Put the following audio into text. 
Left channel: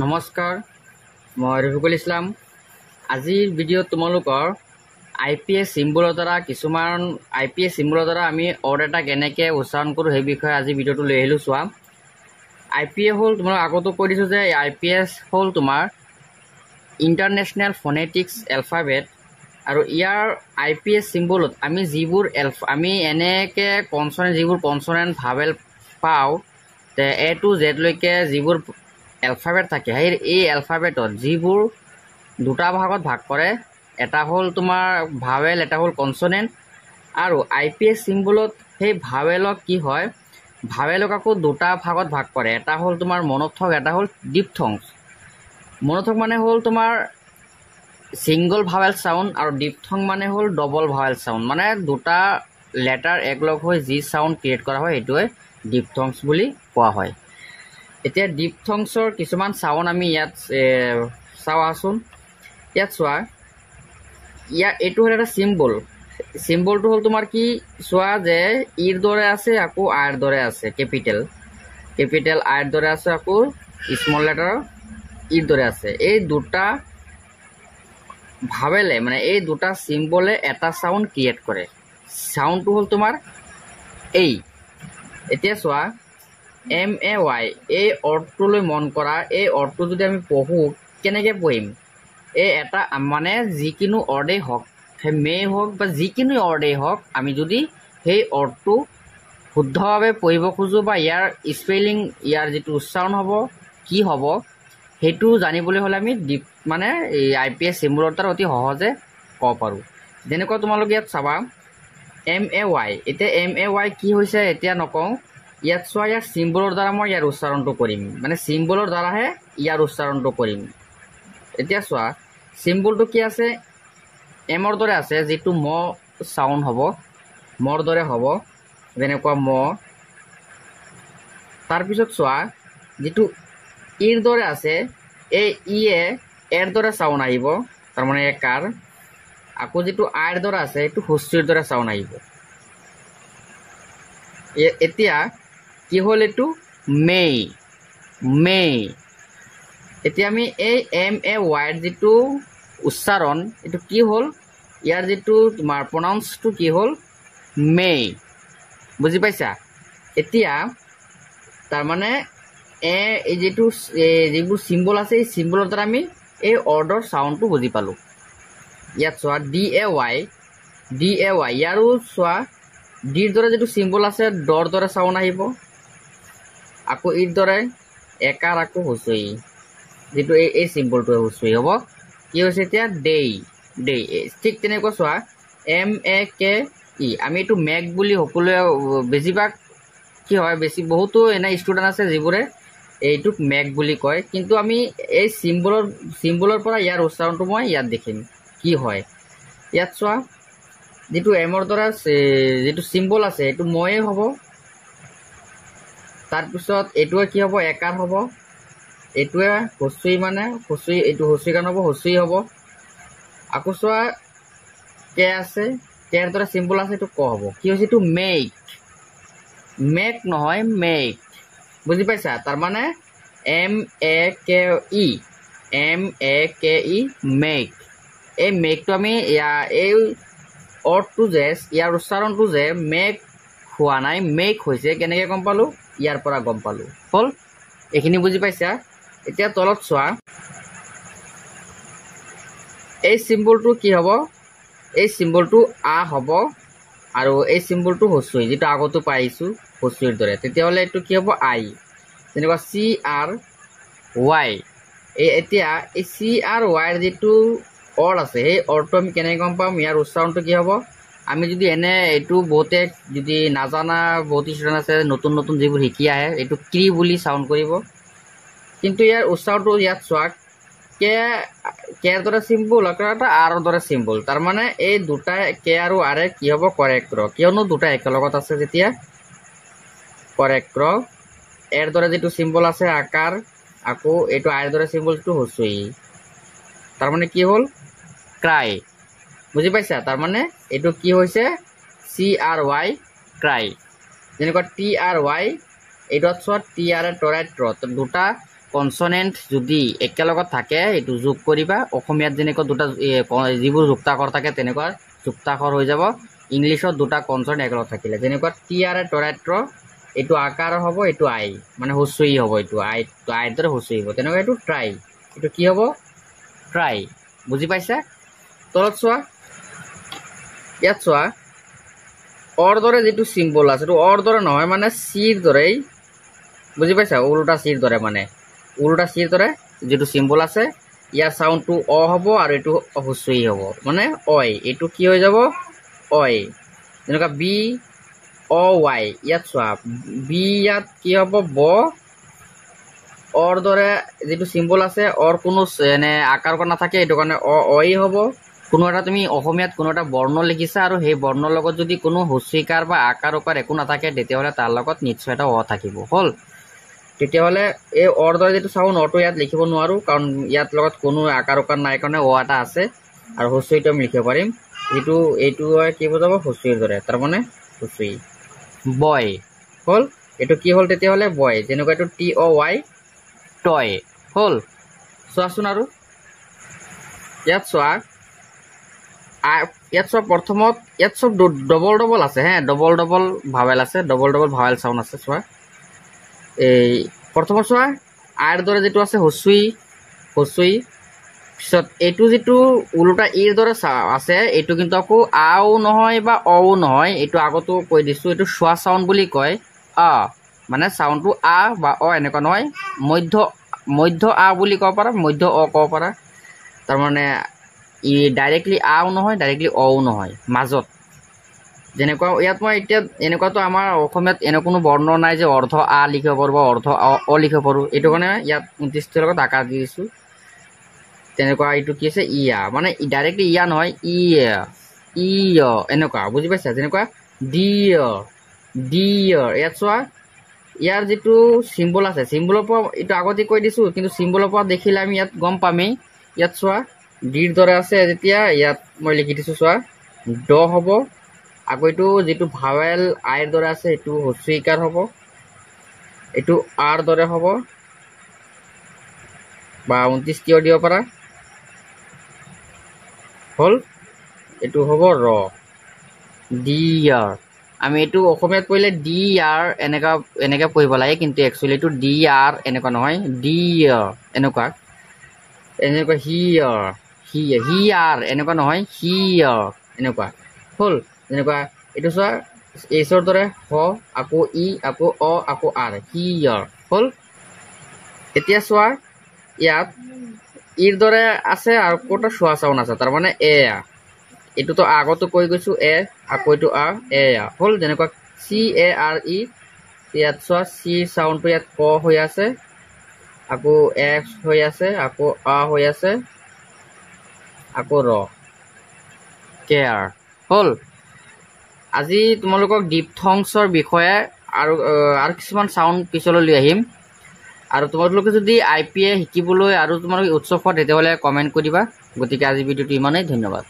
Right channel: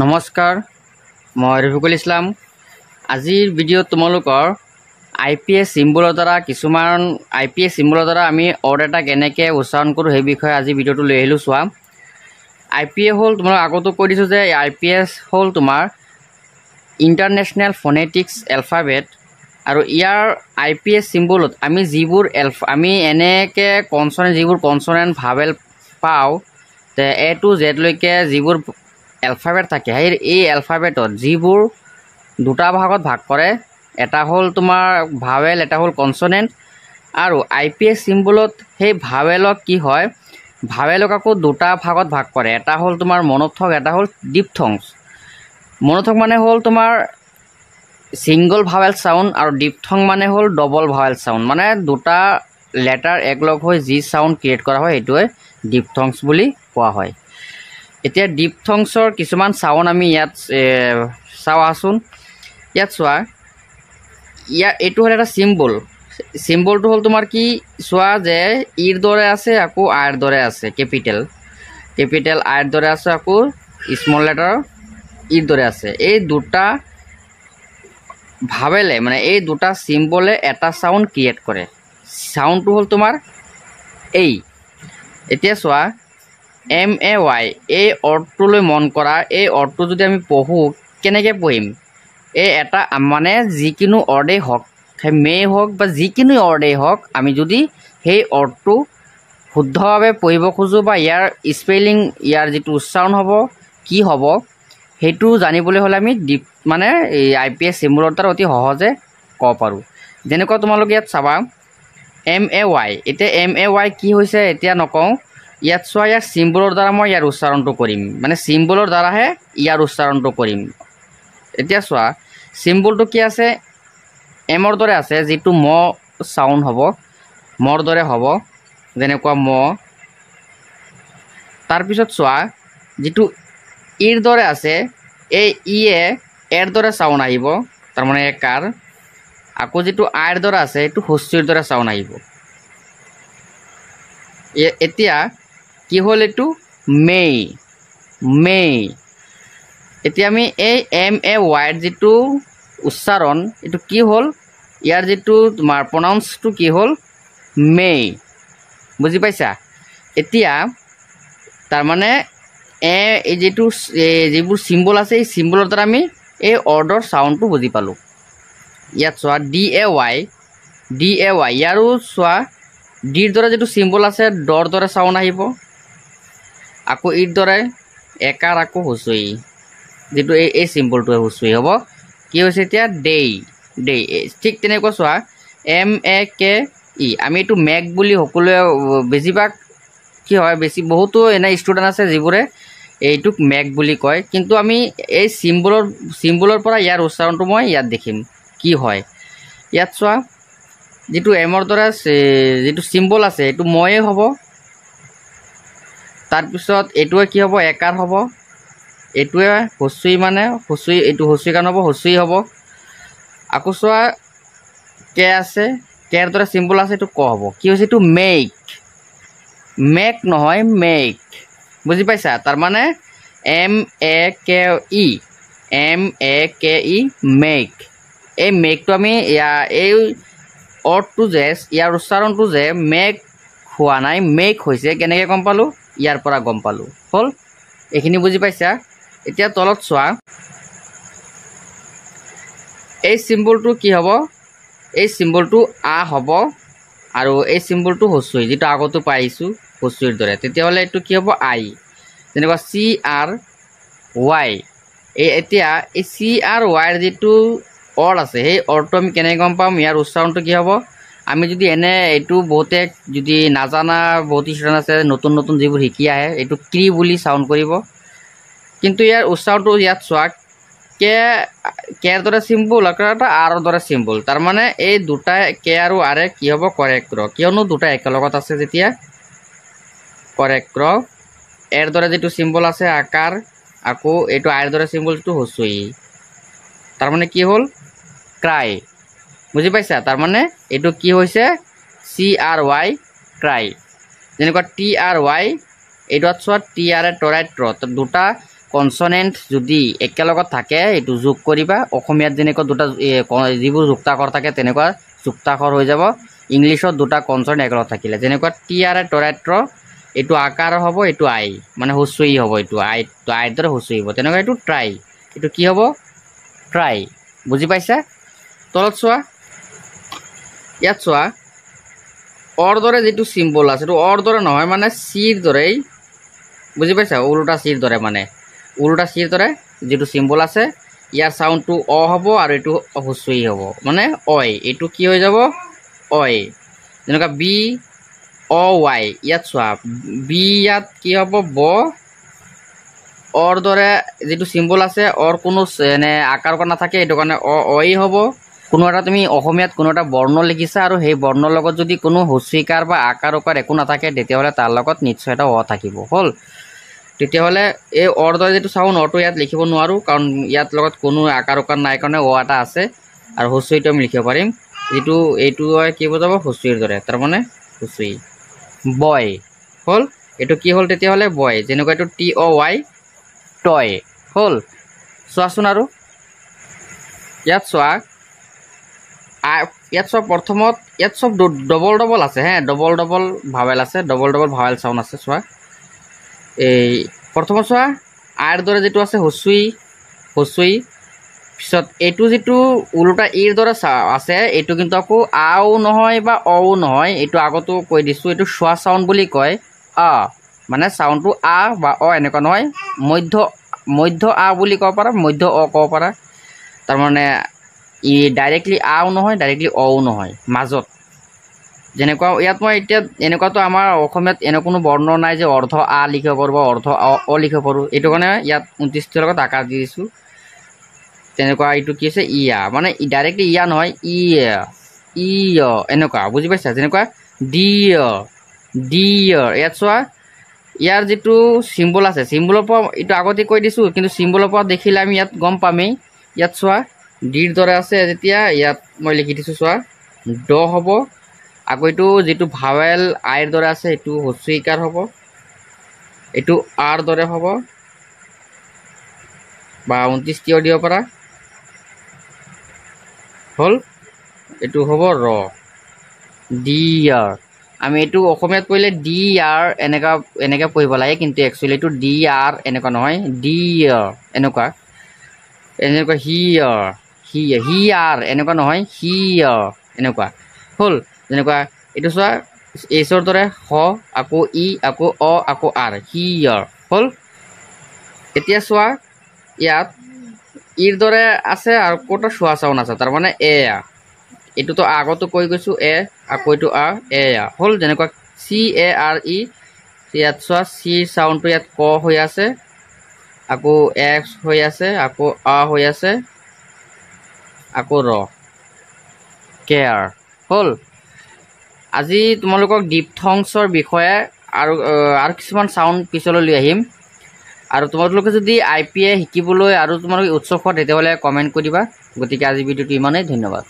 নমস্কাৰ, মই ৰফিকুল ইছলাম। আজিৰ ভিডিঅ'ত তোমালোকৰ IPA চিম্বলৰ দ্বাৰা কিছুমান IPA চিম্বলৰ দ্বাৰা আমি অৰ্ড এটা কেনেকৈ উচ্চাৰণ কৰোঁ সেই বিষয়ে আজি ভিডিঅ'টো লৈ আহিলোঁ। চোৱা, IPA হ'ল তোমালোক আগতো কৈ দিছোঁ যে IPA হ'ল তোমাৰ ইণ্টাৰনেশ্যনেল ফনেটিক্স এলফাবেট, আৰু ইয়াৰ IPA চিম্বলত আমি যিবোৰ আমি এনেকৈ যিবোৰ কনচনেণ্ট ভাৱেল পাওঁ, A to Z লৈকে যিবোৰ এলফাবেট থাকে, এই এলফাবেটত যিবোৰ দুটা ভাগত ভাগ কৰে, এটা হ'ল তোমাৰ ভাৱেল, এটা হ'ল কনচনেণ্ট। আৰু IPA চিম্বলত সেই ভাৱেলক কি হয়, ভাৱেলক আকৌ দুটা ভাগত ভাগ কৰে, এটা হ'ল তোমাৰ মনোথক, এটা হ'ল ডিপথংছ। মনোথক মানে হ'ল তোমাৰ ছিংগল ভাৱেল চাউণ্ড, আৰু ডিপথং মানে হ'ল ডবল ভাৱেল চাউণ্ড, মানে দুটা লেটাৰ একলগ হৈ যি চাউণ্ড ক্ৰিয়েট কৰা হয় সেইটোৱে ডিপথংছ বুলি কোৱা হয়। এতিয়া ডিপথংছৰ কিছুমান চাউণ্ড আমি ইয়াত চাওঁচোন। ইয়াত চোৱা, এইটো হ'ল এটা চিম্বল। চিম্বলটো হ'ল তোমাৰ কি, চোৱা যে ইৰ দৰে আছে, আকৌ আইৰ দৰে আছে, কেপিটেল আইৰ দৰে আছে, আকৌ স্মল লেটাৰ ইৰ দৰে আছে। এই দুটা ভাৱেলে মানে এই দুটা চিম্বলে এটা চাউণ্ড ক্ৰিয়েট কৰে। চাউণ্ডটো হ'ল তোমাৰ এই। এতিয়া চোৱা, MAY এই অৰ্থটোলৈ মন কৰা, এই অৰ্থটো যদি আমি পঢ়োঁ কেনেকৈ পঢ়িম? এই এটা মানে যিকোনো অৰ্ডেই হওক, সেই মেই হওক বা যিকোনো অৰ্ডেই হওক, আমি যদি সেই অৰ্থটো শুদ্ধভাৱে পঢ়িব খোজোঁ বা ইয়াৰ স্পেলিং, ইয়াৰ যিটো উচ্চাৰণ হ'ব, কি হ'ব, সেইটো জানিবলৈ হ'লে আমি মানে এই IPA চিম্বলৰ দ্বাৰা অতি সহজে ক'ব পাৰোঁ। যেনেকুৱা তোমালোক ইয়াত চাবা MAY। এতিয়া MAY কি হৈছে এতিয়া নকওঁ, ইয়াত চোৱা, ইয়াৰ চিম্বলৰ দ্বাৰা মই ইয়াৰ উচ্চাৰণটো কৰিম, মানে চিম্বলৰ দ্বাৰাহে ইয়াৰ উচ্চাৰণটো কৰিম। এতিয়া চোৱা, চিম্বলটো কি আছে, এমৰ দৰে আছে, যিটো ম চাউণ্ড হ'ব, মৰ দৰে হ'ব, যেনেকুৱা ম। তাৰপিছত চোৱা, যিটো ইৰ দৰে আছে, এই ইয়ে এৰ দৰে চাউণ্ড আহিব, তাৰমানে একাৰ। আকৌ যিটো আইৰ দৰে আছে, এইটো হস্যৰ দৰে চাউণ্ড আহিব। এতিয়া কি হ'ল, এইটো মেই। এতিয়া আমি এই MAY যিটো উচ্চাৰণ, এইটো কি হ'ল, ইয়াৰ যিটো তোমাৰ প্ৰনাউন্সটো কি হ'ল, মেই। বুজি পাইছা? এতিয়া তাৰমানে এই যিবোৰ চিম্বল আছে, এই চিম্বলৰ দ্বাৰা আমি এই অৰ্ডৰ চাউণ্ডটো বুজি পালোঁ। ইয়াত চোৱা DAY, ইয়াৰো চোৱা, ডিৰ দৰে যিটো চিম্বল আছে, ডৰ দৰে চাউণ্ড আহিব, আকৌ ইৰ দৰে একাৰ, আকৌ হুঁচৰি, যিটো এই চিম্বলটোৱে হুঁচৰি হ'ব। কি হৈছে এতিয়া, দেই। ঠিক তেনেকৈ চোৱা MAKE, আমি এইটো মেক বুলি সকলোৱে বেছিভাগ কি হয়, বহুতো এনে ষ্টুডেণ্ট আছে যিবোৰে এইটোক মেক বুলি কয়, কিন্তু আমি এই চিম্বলৰ পৰা ইয়াৰ উচ্চাৰণটো মই ইয়াত দেখিম কি হয়। ইয়াত চোৱা, যিটো এমৰ দৰে যিটো চিম্বল আছে, এইটো ময়ে হ'ব। তাৰপিছত এইটোৱে কি হ'ব, একাৰ হ'ব। এইটোৱে হস্যই, মানে হস্যই, এইটো হস্যই কাৰণ হ'ব, হস্যই হ'ব। আকৌ চোৱা, কে আছে, কেৰ দৰে চিম্বল আছে, এইটো ক হ'ব। কি হৈছে, এইটো মেক নহয়, মেক। বুজি পাইছা? তাৰমানে MAKE, মেক। এই মেকটো আমি এই অৰ্থটো যে, ইয়াৰ উচ্চাৰণটো যে মেক হোৱা নাই, মেক হৈছে, কেনেকৈ গম পালোঁ? ইয়াৰ পৰা গম পালোঁ। হ'ল, এইখিনি বুজি পাইছা? এতিয়া তলত চোৱা, এই চিম্বলটো কি হ'ব, এই চিম্বলটো আ হ'ব, আৰু এই চিম্বলটো হস্যই, যিটো আগতো পাই আহিছোঁ হস্যইৰ দৰে। তেতিয়াহ'লে এইটো কি হ'ব, আই। যেনেকুৱা CRY। এতিয়া এই CRY যিটো অৰ আছে, সেই অৰটো আমি কেনেকৈ গম পাম, ইয়াৰ উচ্চাৰণটো কি হ'ব? আমি যদি এইটো বহুতে যদি নাজানা বহুত ষ্টুডেণ্ট আছে, নতুন যিবোৰ শিকি আহে, এইটো ক্ৰি বুলি চাউণ্ড কৰিব, কিন্তু ইয়াৰ উচ্চাৰণটো ইয়াত চোৱা, কেৰ দৰে চিম্বল, আকৌ এটা আৰৰ দৰে চিম্বল। তাৰমানে এই দুটা কে আৰু আৰে কি হ'ব, কৰেক্ট ৰ, কিয়নো দুটা একেলগত আছে যেতিয়া, কৰেক্ট ৰ। এৰ দৰে যিটো চিম্বল আছে, আকাৰ, আকৌ এইটো আইৰ দৰে চিম্বল, যিটো হস্যই, তাৰমানে কি হ'ল, ক্ৰাই। বুজি পাইছা? তাৰমানে এইটো কি হৈছে, CRY, ক্ৰাই। যেনেকুৱা TRY, এইটোত চোৱা, টি আৰে টৰাইট ৰ, দুটা কনসনেন্ট যদি একেলগত থাকে এইটো যোগ কৰিবা অসমীয়াত যেনেকৈ দুটা যিবোৰ যুক্তাক্ষৰ থাকে তেনেকুৱা যুক্তাক্ষৰ হৈ যাব ইংলিছত দুটা কনসনেন্ট একেলগত থাকিলে যেনেকৈ টি আৰ তৰাত্ৰ এইটো আকাৰ হ'ব এইটো আই মানে হস্ৰই হ'ব এইটো আইৰ দৰে হস্ৰই হ'ব তেনেকৈ এইটো ট্ৰাই এইটো কি হ'ব ট্ৰাই বুজি পাইছা তলত চোৱা ইয়াত চোৱা অৰ দৰে যেটো সিম্বল আছে এটো অৰ দৰে নহয় মানে সিৰ দৰেই বুজি পাইছা উল্টা সিৰ দৰে মানে উল্টা সিৰ দৰে যেটো সিম্বল আছে ইয়াৰ সাউন্ডটো অ হ'ব আৰু এটো হস্ৰই হ'ব মানে অই এটো কি হৈ যাব অই যেনেকা বি অ ওয়াই ইয়াত চোৱা বি ইয়াত কি হ'ব ব অৰ দৰে যেটো সিম্বল আছে অৰ কোনো এনে আকাৰ কৰা নাথাকে এটো কাৰণে অ অই হ'ব কোনো এটা তুমি অসমীয়াত কোনো এটা বৰ্ণ লিখিছা আৰু সেই বৰ্ণৰ লগত যদি কোনো হস্ৰীকাৰ বা আকাৰ উকাৰ একো নাথাকে তেতিয়াহলে তাৰ লগত নিশ্চয় এটা অ থাকিব হল তেতিয়াহলে এই অৰ দৰে যেটো সাউন্ড অটো ইয়াত লিখিব নোৱাৰো কাৰণ ইয়াত লগত কোনো আকাৰ উকাৰ নাই কাৰণে অ এটা আছে আৰু হস্ৰীটো আমি লিখিব পাৰিম যেটো এইটো কি বুজাব হস্ৰীৰ দৰে তাৰ মানে হস্ৰী বয় হল এটো কি হল তেতিয়াহলে বয় যেনেকৈ এটো টি অ ওয়াই টয় হল চোৱাচোন আৰু ইয়াত চোৱা ইয়াত সব প্ৰথমত ইয়াত সব ডবল ডবল আছে হ্যাঁ ডবল ডবল ভাৱেল আছে ডবল ডবল ভাৱেল সাউন্ড আছে চোৱা এই প্ৰথমত চোৱা আৰ দৰে যেটো আছে হস্ৰী পিছত এটো যেটো উল্টা ইৰ দৰে আছে এটো কিন্তু আকৌ আও নহয় বা অও নহয় এটো আগতো কৈ দিছো এটো শোৱা সাউন্ড বুলি কয় আ মানে সাউন্ডটো আ বা অ এনেকুৱা নহয় মধ্য আ বুলি কব পাৰা মধ্য অ কব পাৰা তাৰ মানে ই ডাইৰেক্টলি আও নহয় ডাইৰেক্টলি অও নহয় মাজত যেনেকুৱা ইয়াত মই এতিয়া এনেকুৱাতো আমাৰ অসমীয়াত এনে কোনো বৰ্ণ নাই যে অৰ্ধ আ লিখিব পাৰো বা অৰ্ধ অ লিখিব পাৰো এইটো কাৰণে ইয়াত 29 লগত আকাৰ দি দিছো তেনেকুৱা এইটো কি আছে ইয়া মানে ডাইৰেক্টলি ইয়া নহয় ই এনেকুৱা বুজি পাইছা যেনেকুৱা ডিয়াৰ ইয়াত চোৱা ইয়াৰ যেটো সিম্বল আছে সিম্বলৰ পৰা এইটো আগতে কৈ দিছো কিন্তু সিম্বলৰ পৰা দেখিলে আমি ইয়াত গম পামেই ইয়াত চোৱা ডিৰ দৰে আছে যেতিয়া ইয়াত মই লিখি দিছো চোৱা ড হ'ব আকৌ এইটো যেটো ভাৱেল আইৰ দৰে আছে এটো হস্ৰীকাৰ হ'ব এটো আৰ দৰে হ'ব বা 29 টিও দিব পাৰা হল এটো হ'ব ৰ ডিয়াৰ আমি এটো অসমীয়াত পঢ়িলে ডি আৰ এনেকা পঢ়িব লাগে কিন্তু একচুয়ালি এটো ডি আৰ এনেকা নহয় ডিয়াৰ এনেকা হি আৰ এনেকা নহয় হিয়াৰ এনেকা হল যেনেকা এটো চোৱা এছৰ দৰে হ আকৌ ই আকৌ অ আকৌ আৰ হিয়াৰ হল এতিয়া চোৱা ইয়াত ইৰ দৰে আছে আৰু কোটা শোৱা সাউন্ড আছে তাৰ মানে এ এটো তো আগতো কৈ গৈছো এ আকৌ এটো আ এ হল যেনেকুৱা সি এ আৰ ই ইয়াত চোৱা সি সাউন্ডটো ইয়াত ক হৈ আছে আকৌ এক্স হৈ আছে আকৌ আ হৈ আছে আকৌ ৰ কেয়াৰ হল আজি তোমালোকক ডিপথংছৰ বিষয়ে আৰু কিছুমান সাউন্ড পিছলৈ লৈ আহিম আৰু তোমালোকে যদি আইপিএ শিকিবলৈ আৰু তোমালোকে উৎসুক হয় তেতিয়াহলে কমেন্ট কৰিবা গতিকে আজি ভিডিওটো ইমানেই ধন্যবাদ